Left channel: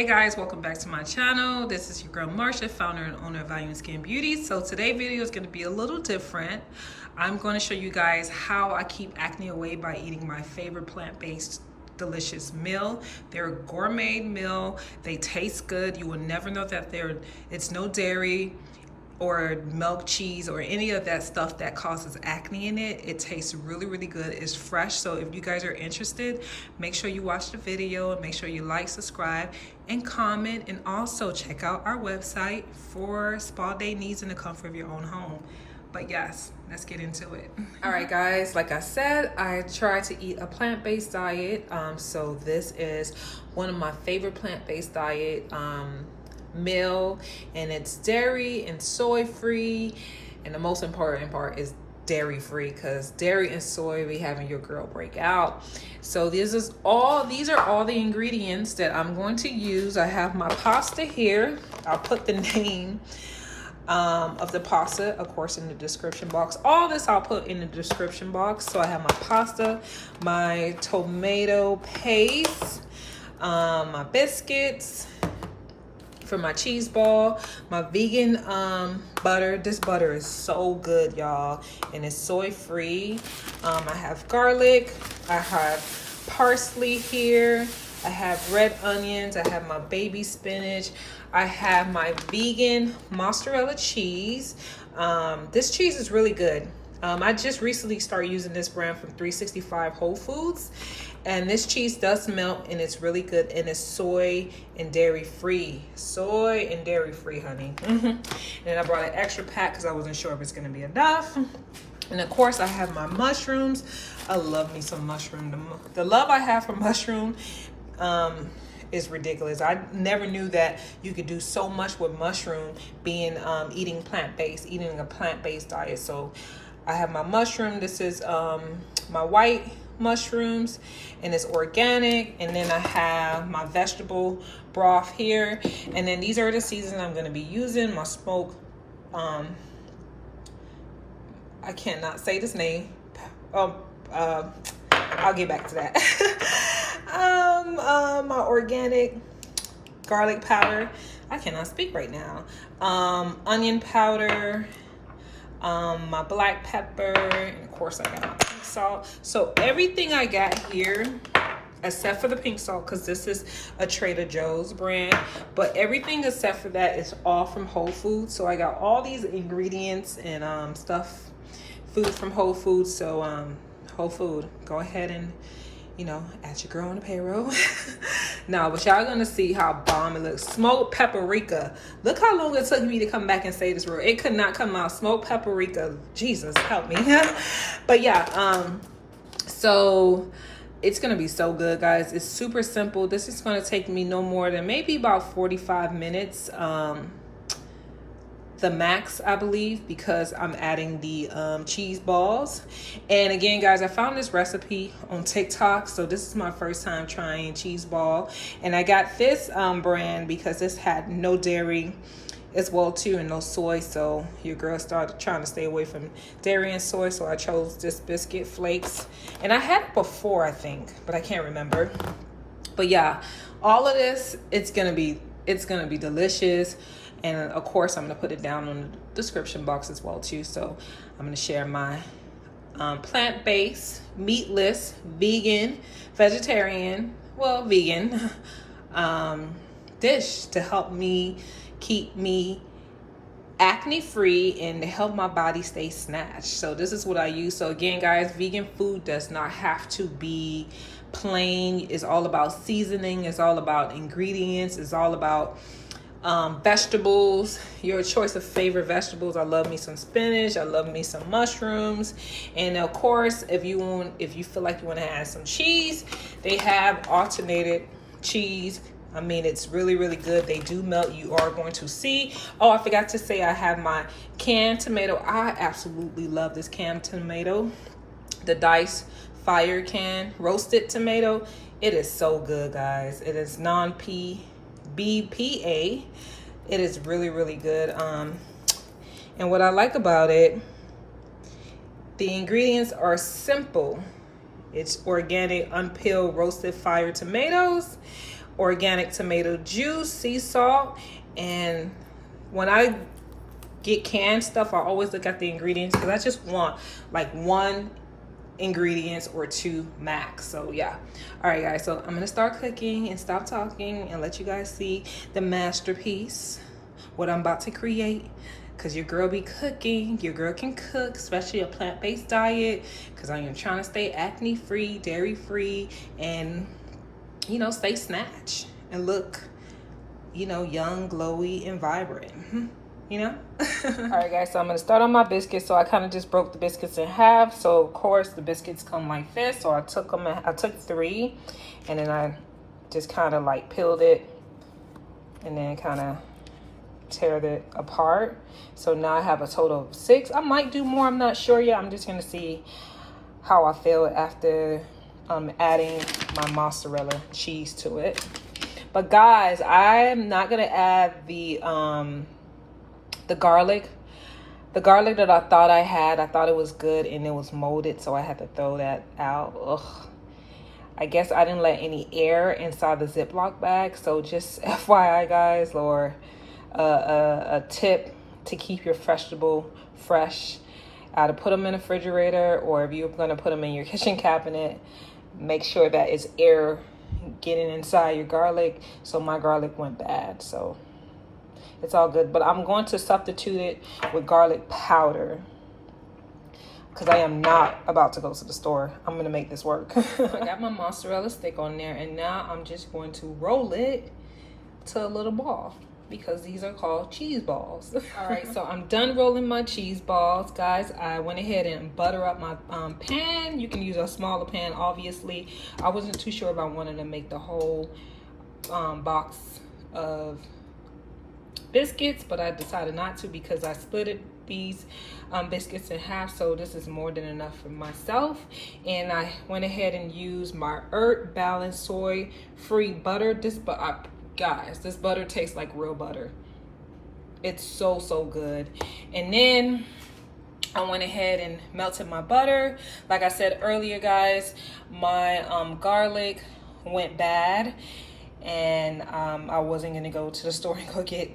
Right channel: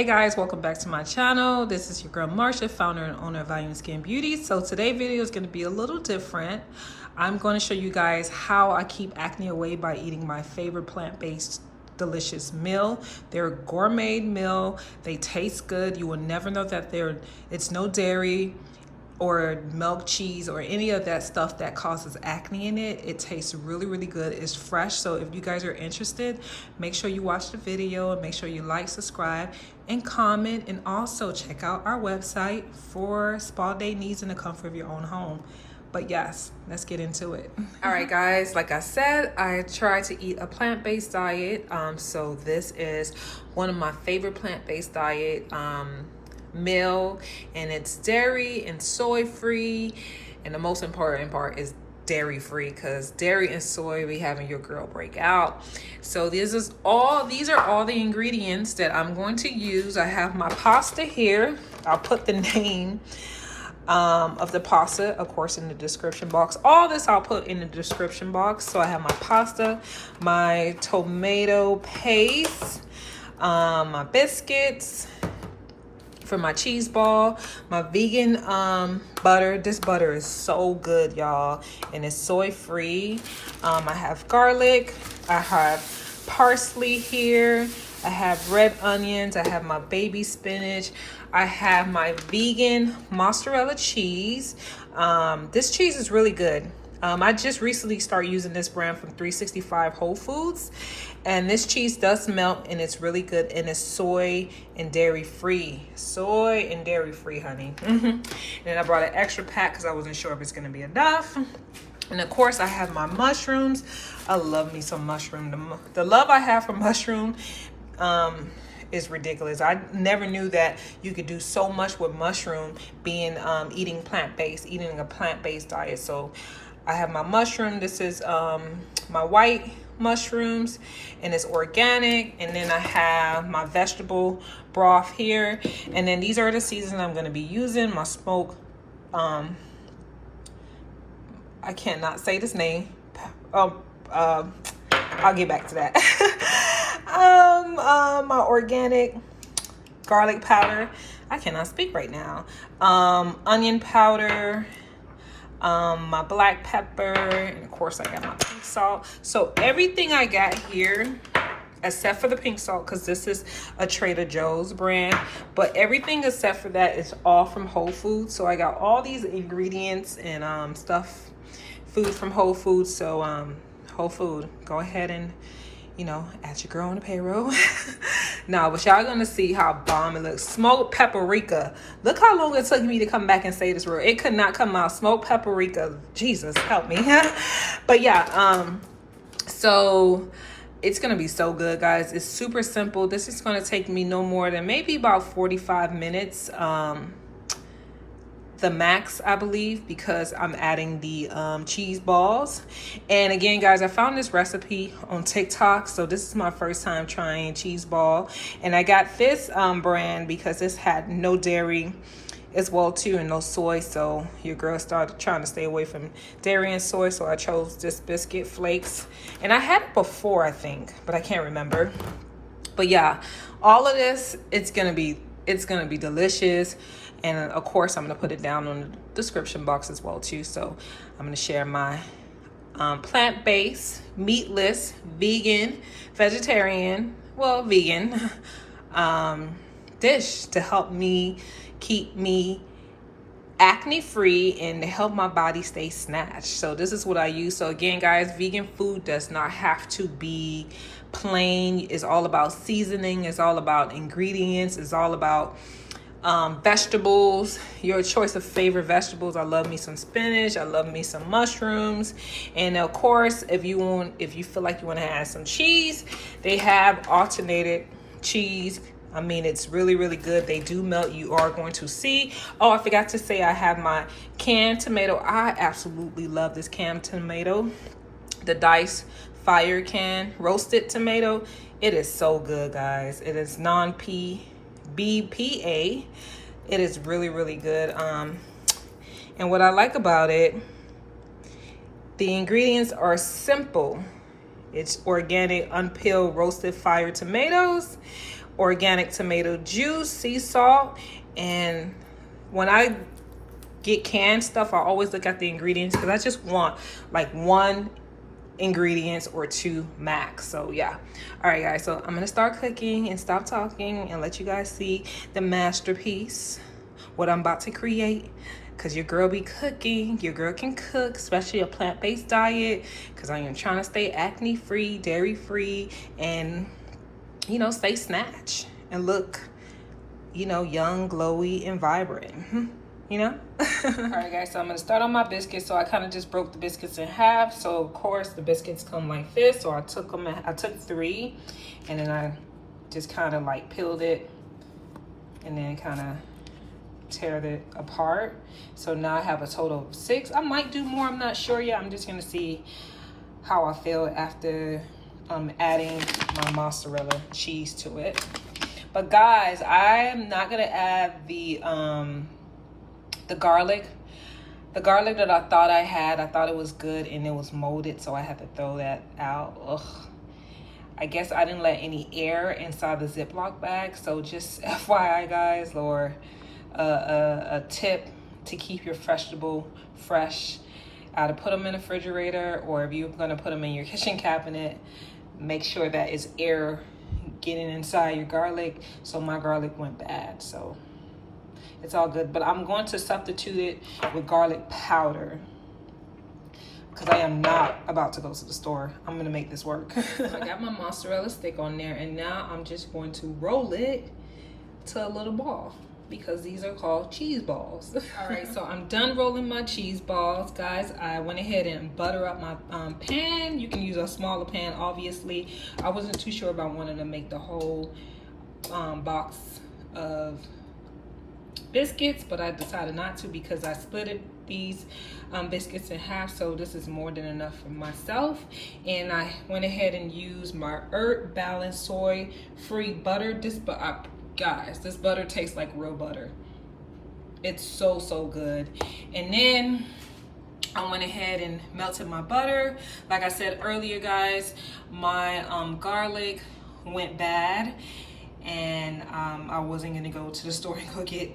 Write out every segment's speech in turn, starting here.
Hey guys, welcome back to my channel. This is your girl Marsha, founder and owner of I Am Skin Beauty. So today's video is going to be a little different. I'm going to show you guys how I keep acne away by eating my favorite plant-based delicious meal. They're a gourmet meal. They taste good. You will never know that it's no dairy or milk, cheese, or any of that stuff that causes acne in it. It tastes really, really good. It's fresh. So if you guys are interested, make sure you watch the video and make sure you like, subscribe, and comment. And also check out our website for spa day needs in the comfort of your own home. But yes, let's get into it. All right, guys, like I said, I try to eat a plant-based diet. So this is one of my favorite plant-based diet meal, and it's dairy and soy free, and the most important part is dairy free, because dairy and soy be having your girl break out. So these are all the ingredients that I'm going to use. I have my pasta here. I'll put the name of the pasta, of course, in the description box. All this I'll put in the description box. So I have my pasta, my tomato paste, my biscuits for my cheese ball, my vegan butter. This butter is so good, y'all, and it's soy free. I have garlic, I have parsley here, I have red onions, I have my baby spinach, I have my vegan mozzarella cheese. This cheese is really good. I just recently started using this brand from 365 Whole Foods, and this cheese does melt, and it's really good, and it's soy and dairy free. Soy and dairy free, honey. And I brought an extra pack because I wasn't sure if it's going to be enough. And of course, I have my mushrooms. I love me some mushroom. The love I have for mushroom is ridiculous. I never knew that you could do so much with mushroom, being eating a plant-based diet. So I have my mushroom. This is my white mushrooms, and it's organic. And then I have my vegetable broth here. And then these are the seasonings I'm going to be using. My smoked, I cannot say this name. I'll get back to that. My organic garlic powder. I cannot speak right now. Onion powder. My black pepper, and of course I got my pink salt. So everything I got here, except for the pink salt, because this is a Trader Joe's brand, but everything except for that is all from Whole Foods. So I got all these ingredients and food from Whole Foods. So Whole Food, go ahead and, you know, add your girl on the payroll. Now, but y'all gonna see how bomb it looks. Smoked paprika. Look how long it took me to come back and say this word. It could not come out. Smoked paprika. Jesus, help me. But yeah, so it's gonna be so good, guys. It's super simple. This is gonna take me no more than maybe about 45 minutes. The max, I believe, because I'm adding the cheese balls. And again, guys, I found this recipe on TikTok, so this is my first time trying cheese ball, and I got this brand because this had no dairy as well too, and no soy. So your girl started trying to stay away from dairy and soy, so I chose this biscuit flakes, and I had it before, I think, but I can't remember. But yeah, all of this, it's gonna be delicious. And of course, I'm gonna put it down on the description box as well too. So I'm gonna share my plant-based, meatless, vegan, vegetarian, well, vegan dish to help me keep me acne free and to help my body stay snatched. So this is what I use. So again, guys, vegan food does not have to be plain. It's all about seasoning. It's all about ingredients. It's all about vegetables, your choice of favorite vegetables. I love me some spinach, I love me some mushrooms, and of course, if you feel like you want to add some cheese, they have alternated cheese. I mean, it's really, really good. They do melt. You are going to see. Oh, I forgot to say, I have my canned tomato. I absolutely love this canned tomato, the diced fire can roasted tomato. It is so good, guys. It is non-BPA. It is really, really good. And what I like about it, the ingredients are simple. It's organic, unpeeled, roasted fire tomatoes, organic tomato juice, sea salt, and when I get canned stuff, I always look at the ingredients because I just want like 1 ingredients or 2 max. So yeah. All right, guys, so I'm gonna start cooking and stop talking and let you guys see the masterpiece, what I'm about to create. Because your girl be cooking, your girl can cook, especially a plant-based diet, because I am trying to stay acne free, dairy free, and you know, stay snatch and look, you know, young, glowy, and vibrant. You know. All right, guys, so I'm gonna start on my biscuits. So I kind of just broke the biscuits in half. So of course the biscuits come like this. So I took 3, and then I just kind of like peeled it and then kind of tear it apart. So now I have a total of 6. I might do more, I'm not sure yet. I'm just gonna see how I feel after adding my mozzarella cheese to it. But guys, I'm not gonna add the garlic. The garlic that I thought I had, I thought it was good and it was molded, so I had to throw that out. Ugh. I guess I didn't let any air inside the Ziploc bag, so just FYI, guys, or a tip to keep your vegetable fresh. Either put them in the refrigerator, or if you're gonna put them in your kitchen cabinet, make sure that it's air getting inside your garlic. So my garlic went bad, so it's all good. But I'm going to substitute it with garlic powder because I am not about to go to the store. I'm gonna make this work. I got my mozzarella stick on there, and now I'm just going to roll it to a little ball, because these are called cheese balls. All right, so I'm done rolling my cheese balls, guys. I went ahead and butter up my pan. You can use a smaller pan, obviously. I wasn't too sure if I wanted to make the whole box of biscuits, but I decided not to because I split these biscuits in half, so this is more than enough for myself. And I went ahead and used my Earth Balanced Soy Free Butter. Guys, this butter tastes like real butter. It's so good. And then I went ahead and melted my butter. Like I said earlier, guys, my garlic went bad, and I wasn't gonna go to the store and go get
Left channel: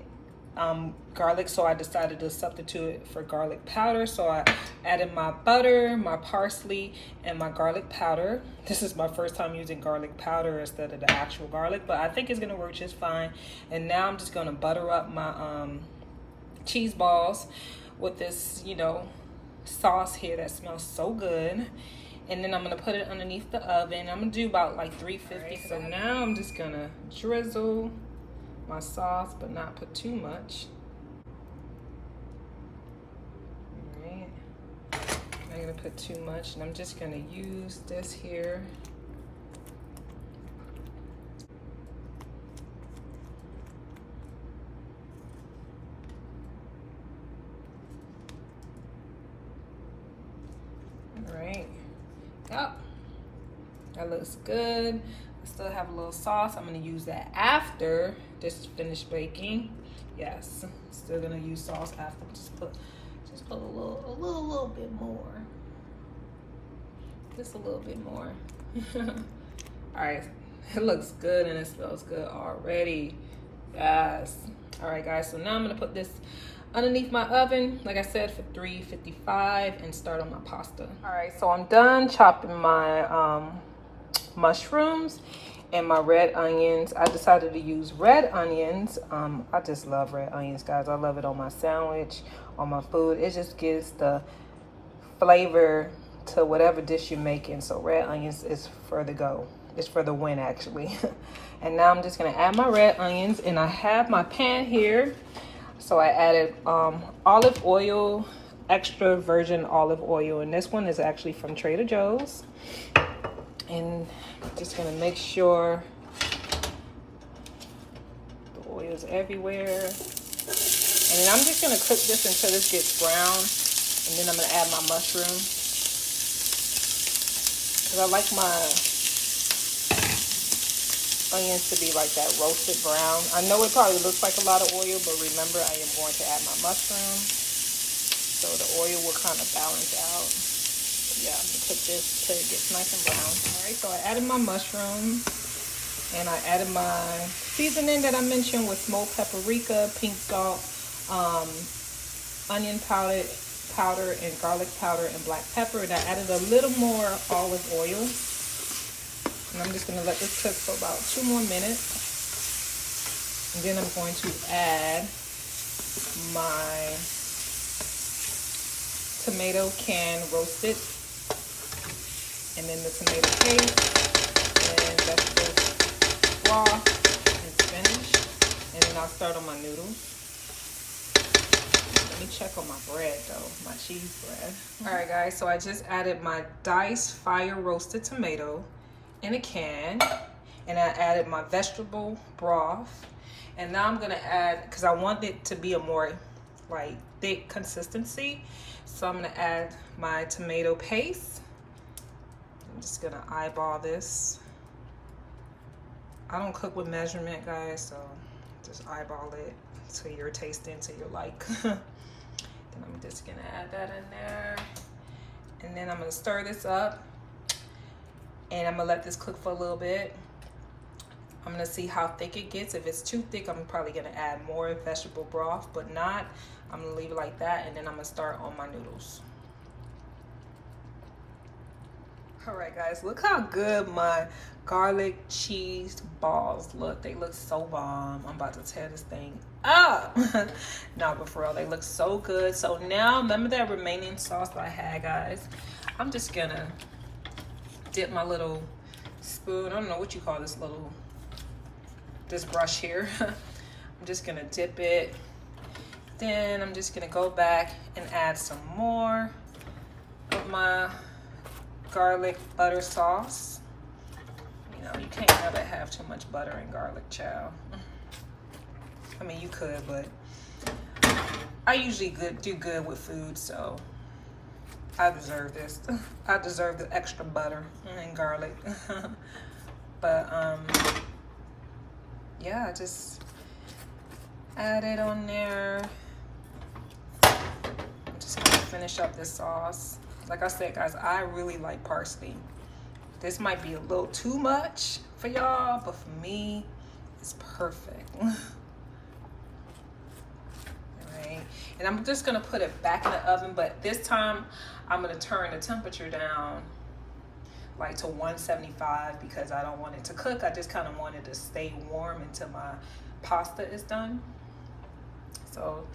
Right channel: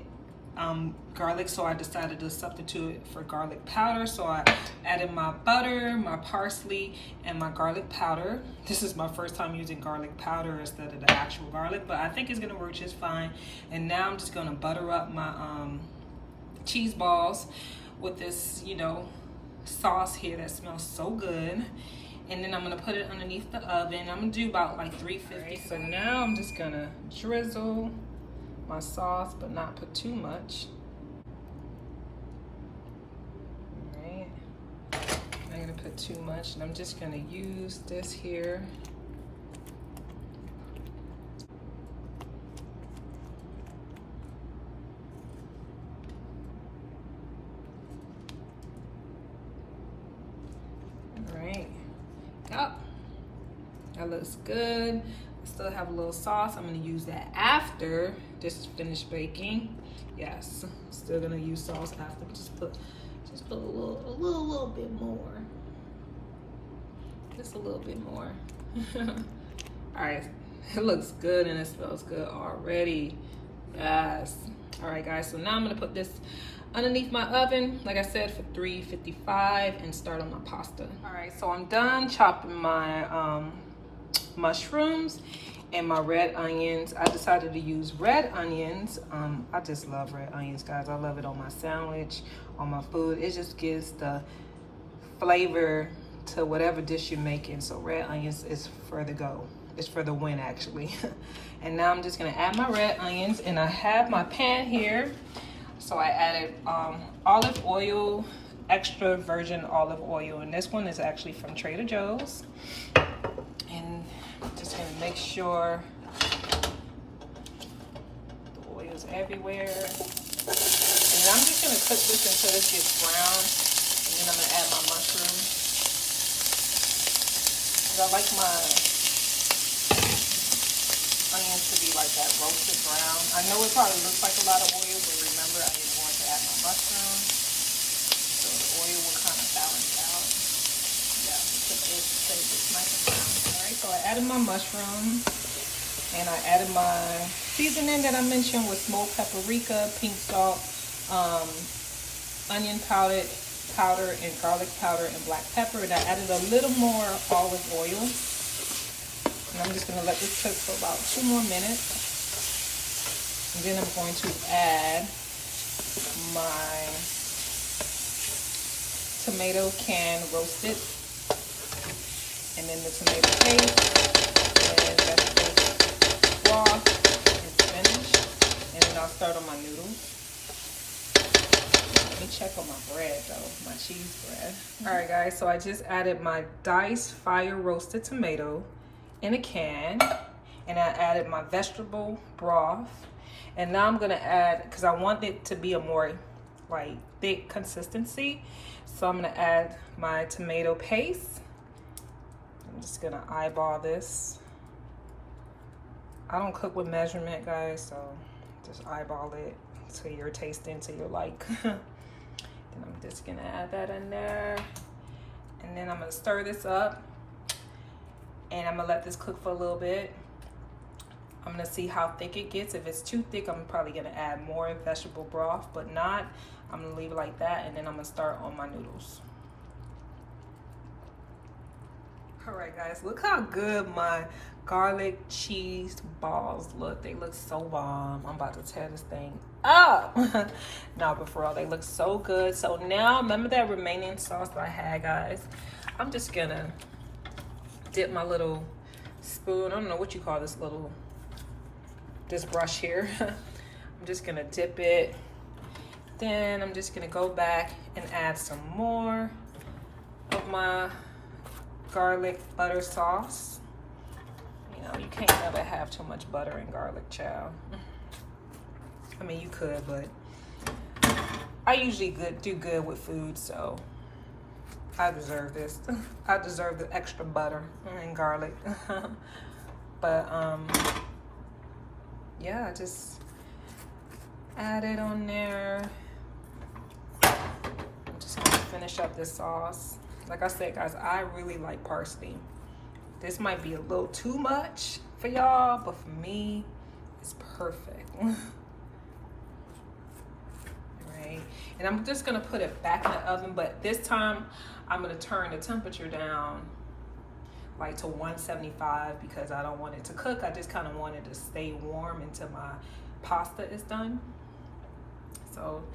garlic, so I decided to substitute it for garlic powder. So I added my butter, my parsley, and my garlic powder. This is my first time using garlic powder instead of the actual garlic, but I think it's gonna work just fine. And now I'm just gonna butter up my cheese balls with this, you know, sauce here that smells so good. And then I'm gonna put it underneath the oven. I'm gonna do about like 350. So now I'm just gonna drizzle my sauce, but not put too much. All right, I'm gonna put too much, and I'm just gonna use this here. All right, yep, that looks good. Still have a little sauce. I'm gonna use that after this finished baking. Yes, still gonna use sauce after. Just put a little bit more. Just a little bit more. All right, it looks good and it smells good already. Yes. All right, guys. So now I'm gonna put this underneath my oven, like I said, for 355, and start on my pasta. All right, so I'm done chopping my mushrooms and my red onions. I decided to use red onions. I just love red onions, guys. I love it on my sandwich, on my food. It just gives the flavor to whatever dish you're making. So red onions is for the go. It's for the win, actually. And now I'm just gonna add my red onions, and I have my pan here. So I added olive oil, extra virgin olive oil, and this one is actually from Trader Joe's. And just gonna make sure the oil's everywhere. And then I'm just gonna cook this until this gets brown, and then I'm gonna add my mushrooms. Because I like my onions to be like that roasted brown. I know it probably looks like a lot of oil, but remember, I am going to add my mushrooms, so the oil will kind of balance out. Yeah, cook this till it gets nice and brown. All right, so I added my mushrooms, And I added my seasoning that I mentioned with smoked paprika, pink salt, onion powder, and garlic powder, and black pepper. And I added a little more olive oil. And I'm just going to let this cook for about 2 more minutes. And then I'm going to add my tomato can roasted, and then the tomato paste, and vegetable broth, and spinach. And then I'll start on my noodles. Let me check on my bread though, my cheese bread. Alright guys, so I just added my diced fire roasted tomato in a can, and I added my vegetable broth. And now I'm gonna add, because I want it to be a more like thick consistency, so I'm gonna add my tomato paste. I'm just gonna eyeball this. I don't cook with measurement, guys, so just eyeball it to your tasting, to your like. Then I'm just gonna add that in there, and then I'm gonna stir this up, and I'm gonna let this cook for a little bit. I'm gonna see how thick it gets. If it's too thick, I'm probably gonna add more vegetable broth, but not, I'm gonna leave it like that, and then I'm gonna start on my noodles. All right guys, look how good my garlic cheese balls look. They look so bomb. I'm about to tear this thing up. No, but for real, they look so good. So now, remember that remaining sauce that I had, guys? I'm just gonna dip my little spoon. I don't know what you call this little, this brush here. I'm just gonna dip it. Then I'm just gonna go back and add some more of my garlic butter sauce. You know, you can't never have too much butter and garlic, child. I mean, you could, but I usually do good with food, so I deserve this. I deserve the extra butter and garlic. But yeah, just add it on there. I'm just gonna finish up this sauce. Like I said, guys, I really like parsley. This might be a little too much for y'all, but for me, it's perfect. Alright, and I'm just gonna put it back in the oven, but this time I'm gonna turn the temperature down like to 175 because I don't want it to cook. I just kind of want it to stay warm until my pasta is done. So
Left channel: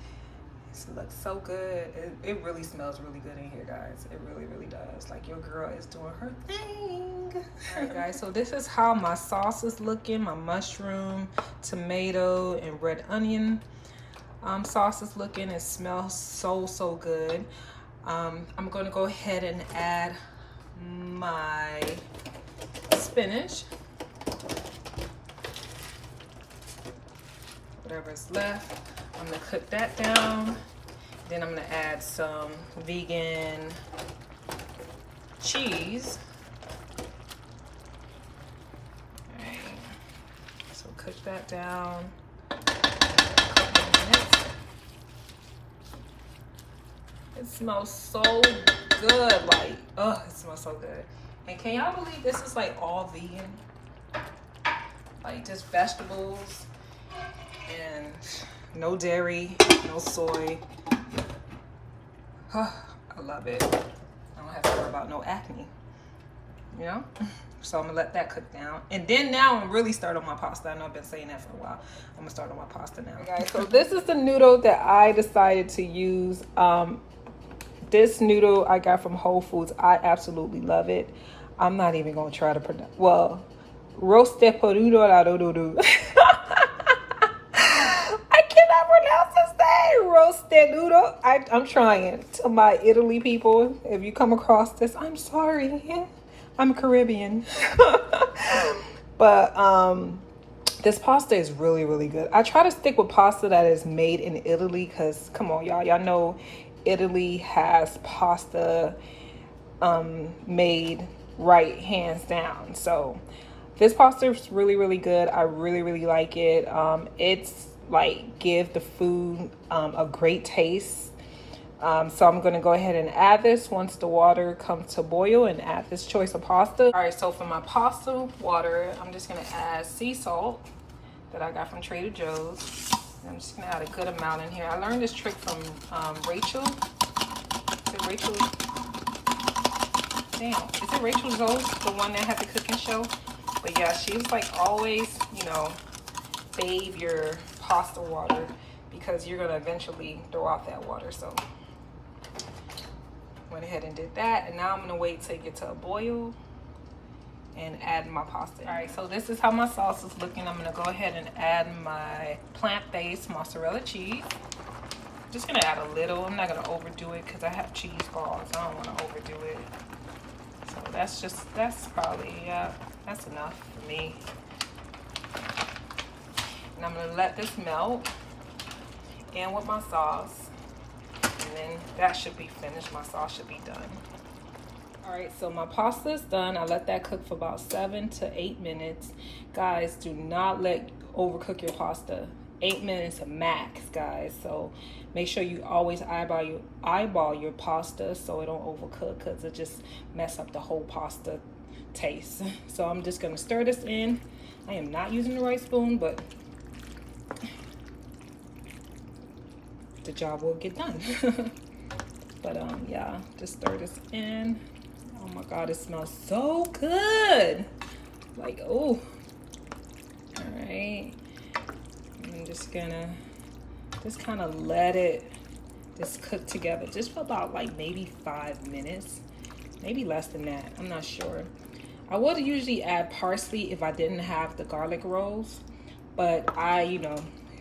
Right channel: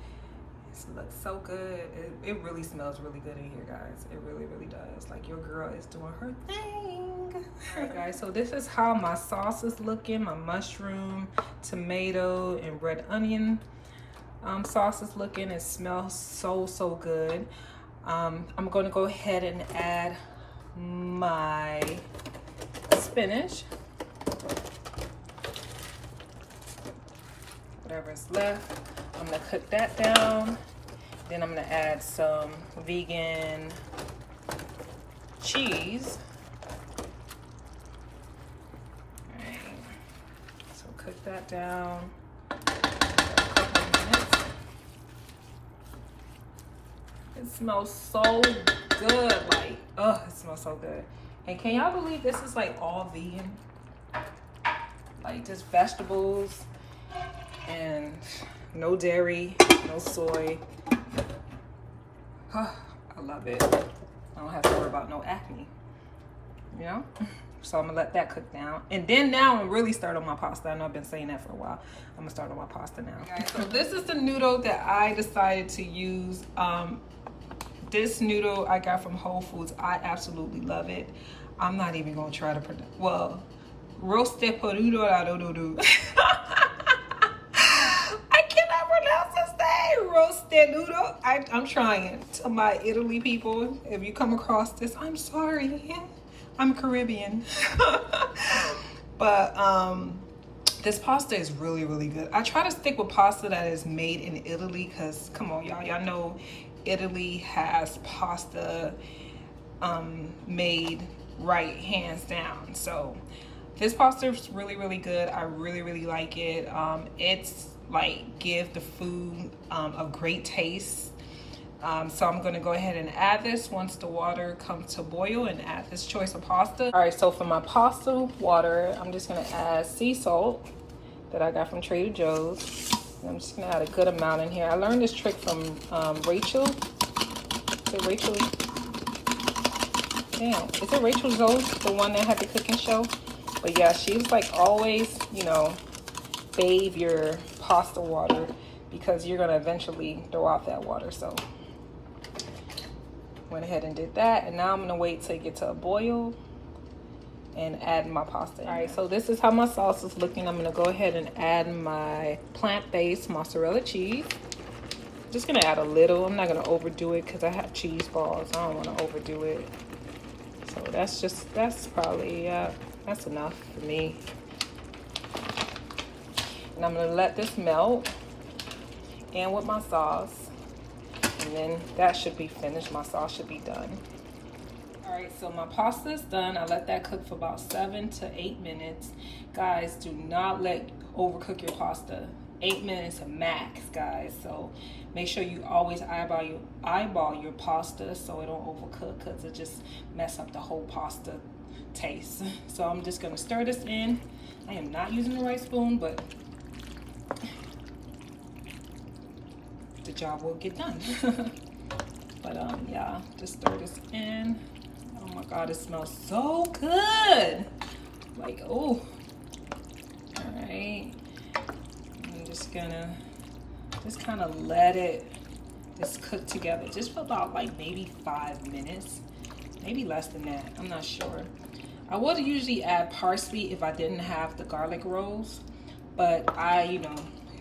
this looks so good. It really smells really good in here, guys. It really, really does. Like your girl is doing her thing. All right, guys, so this is how my sauce is looking. My mushroom, tomato, and red onion sauce is looking. It smells so, so good. I'm gonna go ahead and add my spinach, whatever's left. I'm gonna cook that down. Then I'm gonna add some vegan cheese. All right, so cook that down for a couple of minutes. It smells so good, like, oh, it smells so good. And can y'all believe this is like all vegan? Like just vegetables and no dairy, no soy. Oh, I love it. I don't have to worry about no acne, you know? So I'm gonna let that cook down. And then now I'm really start on my pasta. I know I've been saying that for a while. I'm gonna start on my pasta now. Guys, so this is the noodle that I decided to use. This noodle I got from Whole Foods. I absolutely love it. I'm not even gonna try to pronounce, well, Rustichella. I cannot pronounce this name. Roasted noodle. I'm trying. To my Italy people, if you come across this, I'm sorry. I'm Caribbean. But this pasta is really, really good. I try to stick with pasta that is made in Italy because, come on, y'all know Italy has pasta made right, hands down. So this pasta is really, really good. I really, really like it. It's like give the food a great taste. So I'm gonna go ahead and add this once the water comes to boil and add this choice of pasta. All right, so for my pasta water, I'm just gonna add sea salt that I got from Trader Joe's. And I'm just gonna add a good amount in here. I learned this trick from Rachel. Is it Rachel? Damn, is it Rachel Zoe, the one that had the cooking show? But yeah, she's like always, you know, bathe your pasta water because you're gonna eventually throw out that water. So went ahead and did that, and now I'm gonna wait till it gets to a boil and add my pasta in. All right, so this is how my sauce is looking. I'm gonna go ahead and add my plant-based mozzarella cheese. Just gonna add a little. I'm not gonna overdo it because I have cheese balls. I don't want to overdo it. So that's probably that's enough for me. And I'm gonna let this melt in with my sauce, and then that should be finished. My sauce should be done. All right, so my pasta is done. I let that cook for about 7 to 8 minutes. Guys, do not overcook your pasta. 8 minutes max, guys. So make sure you always eyeball your pasta so it don't overcook, because it just mess up the whole pasta taste. So I'm just gonna stir this in. I am not using the right spoon, but the job will get done. But yeah, just stir this in. Oh my God, it smells so good. Like, oh. All right. I'm just gonna kind of let it just cook together just for about like maybe 5 minutes, maybe less than that. I'm not sure. I would usually add parsley if I didn't have the garlic rolls, but you know,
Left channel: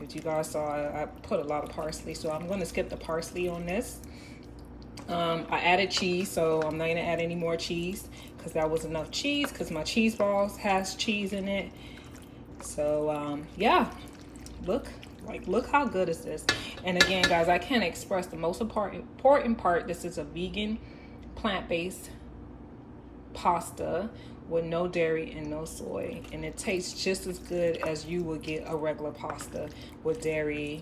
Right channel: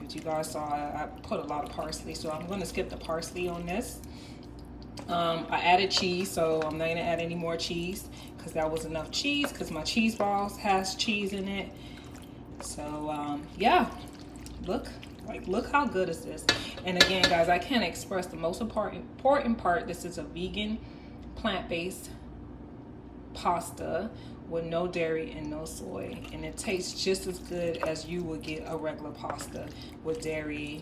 as you guys saw, I put a lot of parsley, so I'm going to skip the parsley on this. I added cheese, so I'm not going to add any more cheese because that was enough cheese, because my cheese balls has cheese in it. So yeah, look how good is this. And again, guys, I can't express the most important part. This is a vegan, plant-based pasta with no dairy and no soy, and it tastes just as good as you would get a regular pasta with dairy,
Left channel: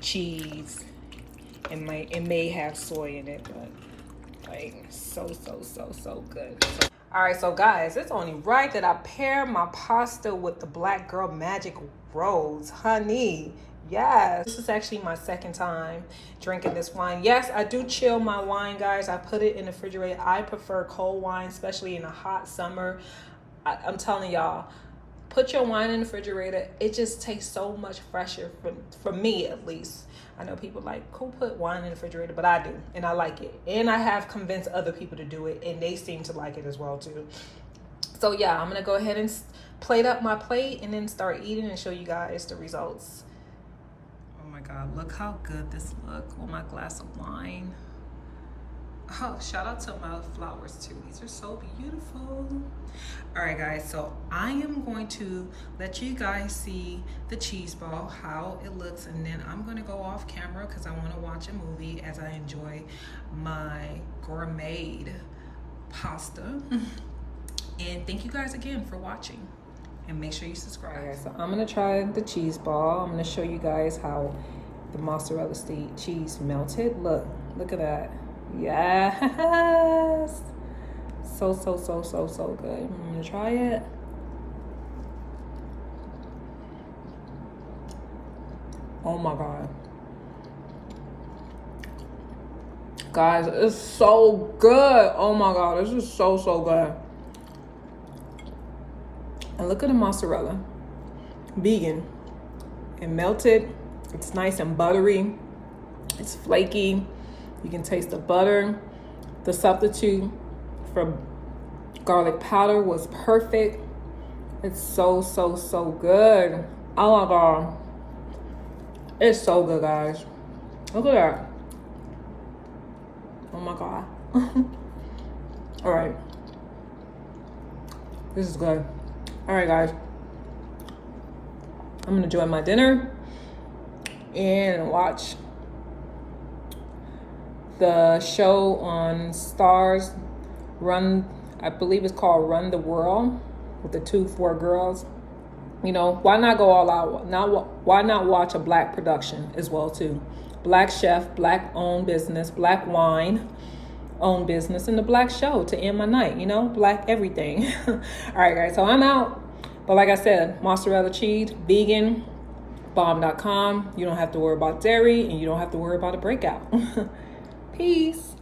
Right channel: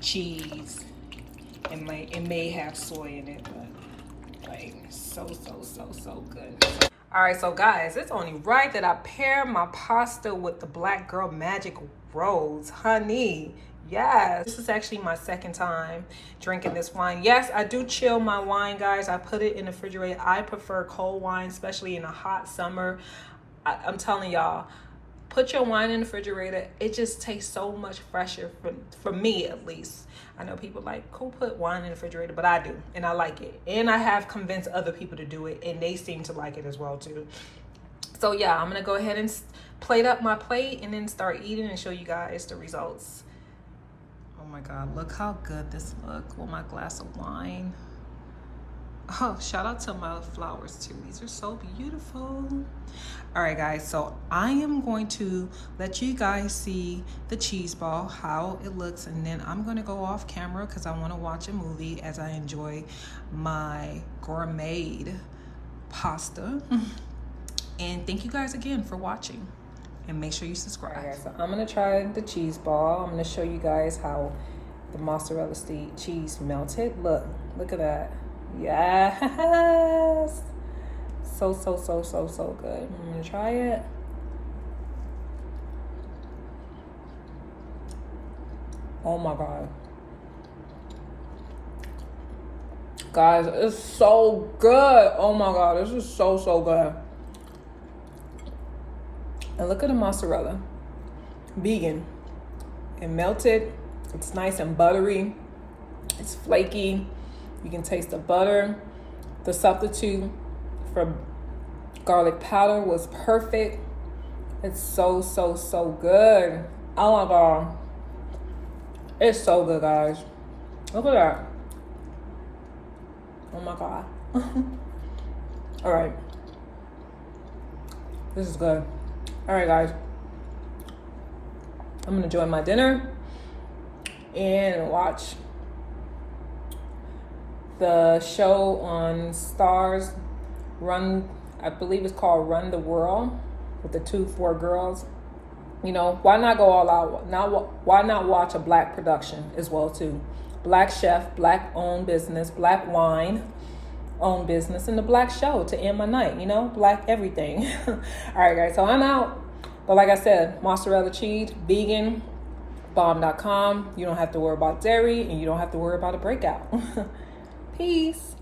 cheese, and it may have soy in it, but like so good. All right, so guys, it's only right that I pair my pasta with the Black Girl Magic Rose, honey. Yes, this is actually my second time drinking this wine. Yes, I do chill my wine, guys. I put it in the refrigerator. I prefer cold wine, especially in a hot summer. I'm telling y'all, put your wine in the refrigerator. It just tastes so much fresher, for me at least. I know people like, who put wine in the refrigerator? But I do, and I like it. And I have convinced other people to do it, and they seem to like it as well too. So yeah, I'm gonna go ahead and plate up my plate and then start eating and show you guys the results. Oh my God, look how good this looks with my glass of wine. Oh, shout out to my flowers too. These are so beautiful. All right, guys, so I am going to let you guys see the cheese ball, how it looks, and then I'm gonna go off camera because I want to watch a movie as I enjoy my gourmet pasta. And thank you guys again for watching, and make sure you subscribe. All right, guys, so I'm gonna try the cheese ball. I'm gonna show you guys how the mozzarella cheese melted. Look at that. Yes, so good. I'm gonna try it. Oh my God, guys, it's so good. Oh my God, this is so good. And look at the mozzarella, vegan and melted. It's nice and buttery. It's flaky. You can taste the butter. The substitute for garlic powder was perfect. It's so good. Oh my God. It's so good, guys. Look at that. Oh my God. All right. This is good. All right, guys. I'm gonna enjoy my dinner and watch the show on Stars, I believe it's called Run the World, with the 4 girls. You know, why not go all out? Why not watch a Black production as well too? Black chef, black owned business, black wine owned business, and the black show to end my night, you know, black everything. All right, guys, so I'm out. But like I said, mozzarella cheese, vegan, bomb.com. You don't have to worry about dairy, and you don't have to worry about a breakout. Peace.